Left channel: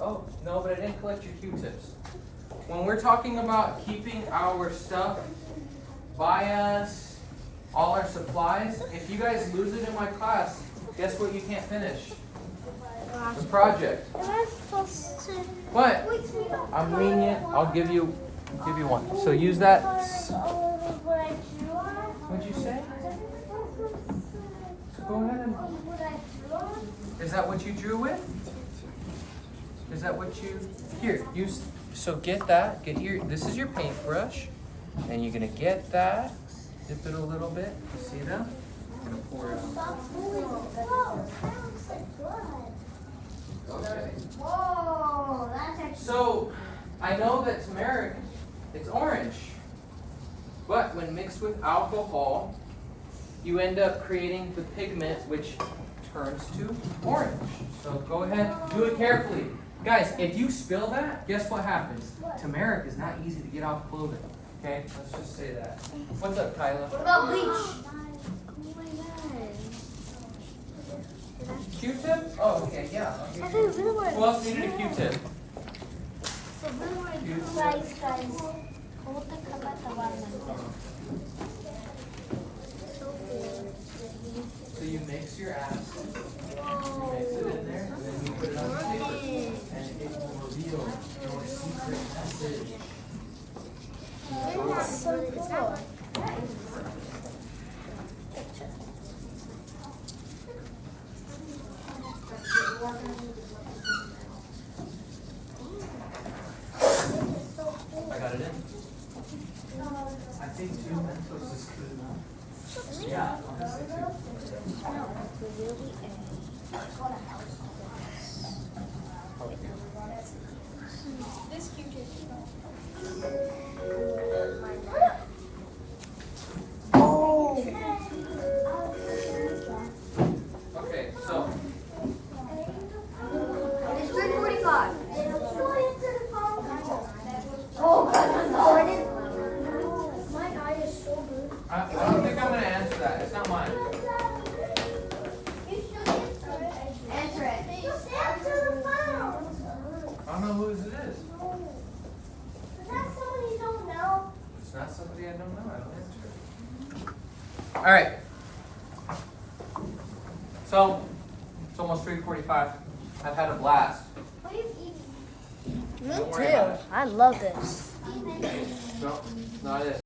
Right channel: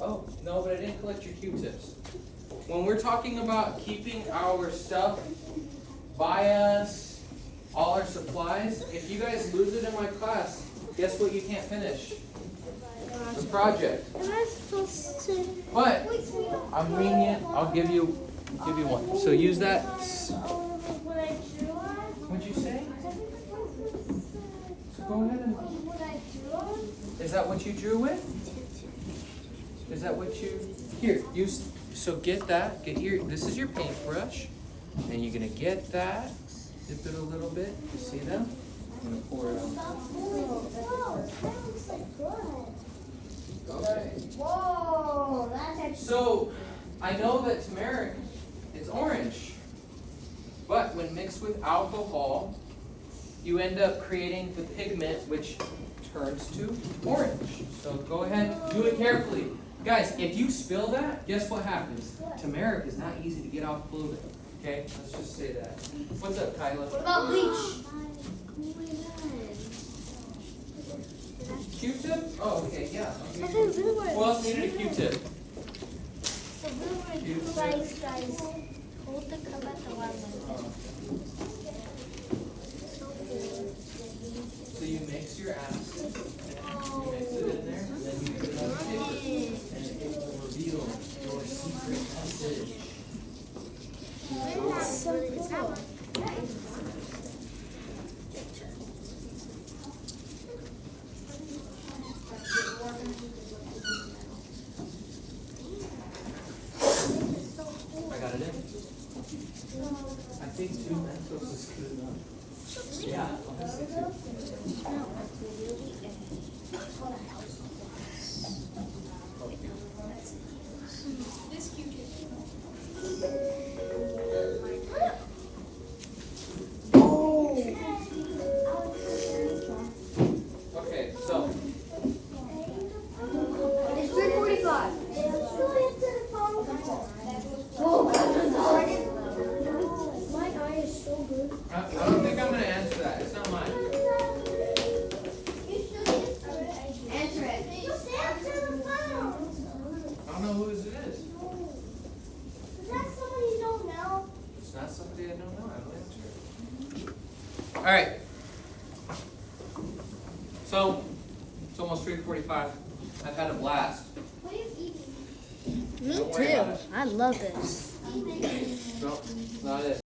Oh, no, but I didn't collect your Q-tips. When we're talking about keeping our stuff by us, all our supplies, if you guys lose it in my class, guess what you can't finish? The project. But I'm lenient. I'll give you one. So use that. What'd you say? So go ahead and. Is that what you drew with? Is that what you? Here, use. So get that. Get your. This is your paintbrush, and you're gonna get that. Dip it a little bit. You see them? You're gonna pour it on. Okay. Whoa, that's actually. So, I know that turmeric, it's orange, but when mixed with alcohol, you end up creating the pigment which turns to orange. So go ahead, do it carefully. Guys, if you spill that, guess what happens? Turmeric is not easy to get off clothing. Okay, let's just say that. What's up, Kyla? What about bleach? Q-tip? Oh, okay, yeah. Who else needed a Q-tip? So you mix your acid, you mix it in there, and then you put it on the paper, and it will reveal your secret message. That's so cool. I got it in. I think 2 Mentos is good enough. Yeah, honestly Okay, so. It's 3:45. Oh my God. My eye is so blue. I don't think I'm going to answer that. It's not mine. Answer it. I don't know whose it is. Is that someone you don't know? It's not somebody I don't know. I don't answer it. All right. So, it's almost 3:45. I've had a blast. What are you eating? Me too. I love this. No, not it.